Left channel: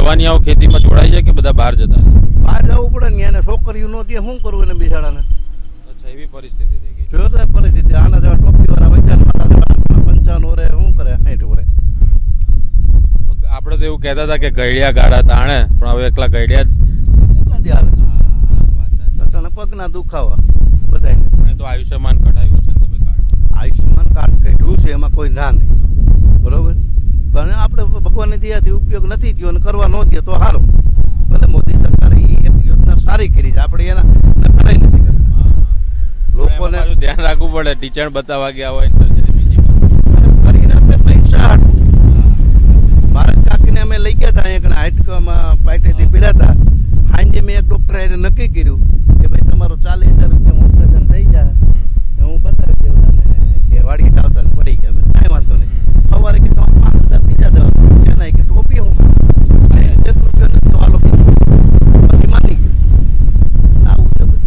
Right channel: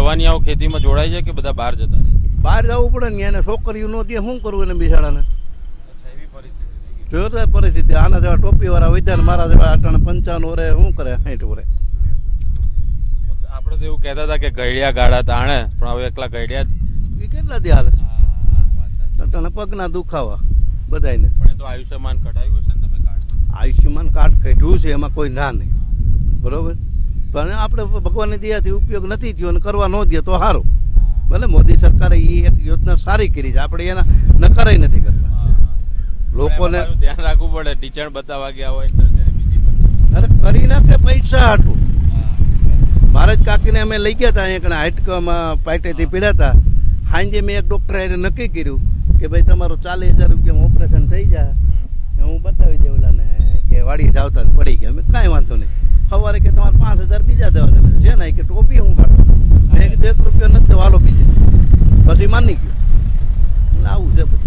જવાનીઓ ખેતીમાં જોડાઈ જાય કે બધા બહાર જતા રહે? બહાર જવું પડે ને, એને છોકરીઓ નહોતી, શું કરવું એને બિચારાને? અચ્છા, એવી પરિસ્થિતિ થઈ ગઈ. જોરદાર પરિસ્થિતિ. આના જેવા ટોપીવાળા વૈદ્યાને મારા જેવા 55 વર્ષે શું કરે, 60 વર્ષે. આપણે તો એવું કહેતા હતા કે ગઈડિયા ગાડા તાણે, પણ હવે એકલા ગઈડિયા જ કેટલા દી હાલે અટાણે પગના દુખાવા બધાને. પણ એ તો આયુષ્યમાન કઢાવ્યું છે ને તમે કાર્ડ? આયુષ્યમાન કાર્ડ કાઢ્યું છે, એમાં કોઈ ના નહીં, બરોબર. પણ આપણે ભગવાનની દયાથી ઉપયોગ નથી થયો અને કરવા ન દે તો સારું. ભલે મોદી સરકારે એ એક યોજના સારી કરી છે, આપણે એના નકારાય નથી કરતા. લોકોને ધ્યાન રાખવું પડે, ટીચર બતાવવા ગયા હોય સર્જરી બીજી અરે કરી નાખે પૈસા હાટું. મારા જ કાકીને અમે લઈ ગયા હતા અહીંયા હાઈટમાં પાઇટેથી પીડ્યા હતા. સાંજે મેં એક ડૉક્ટરે નક્કી કર્યું કે ભાઈ તમારું 40,000 રૂપિયામાં ઓપરેશન થઈ જાય. હું બતાવી દઉં ઓલાને કે વાડી જાવતા પડી ગયા. મેં કાંઈ વાંધો નહીં. સવારે કે તમારે 5,000 બીજા દેવાના છે ને, કે ટોપી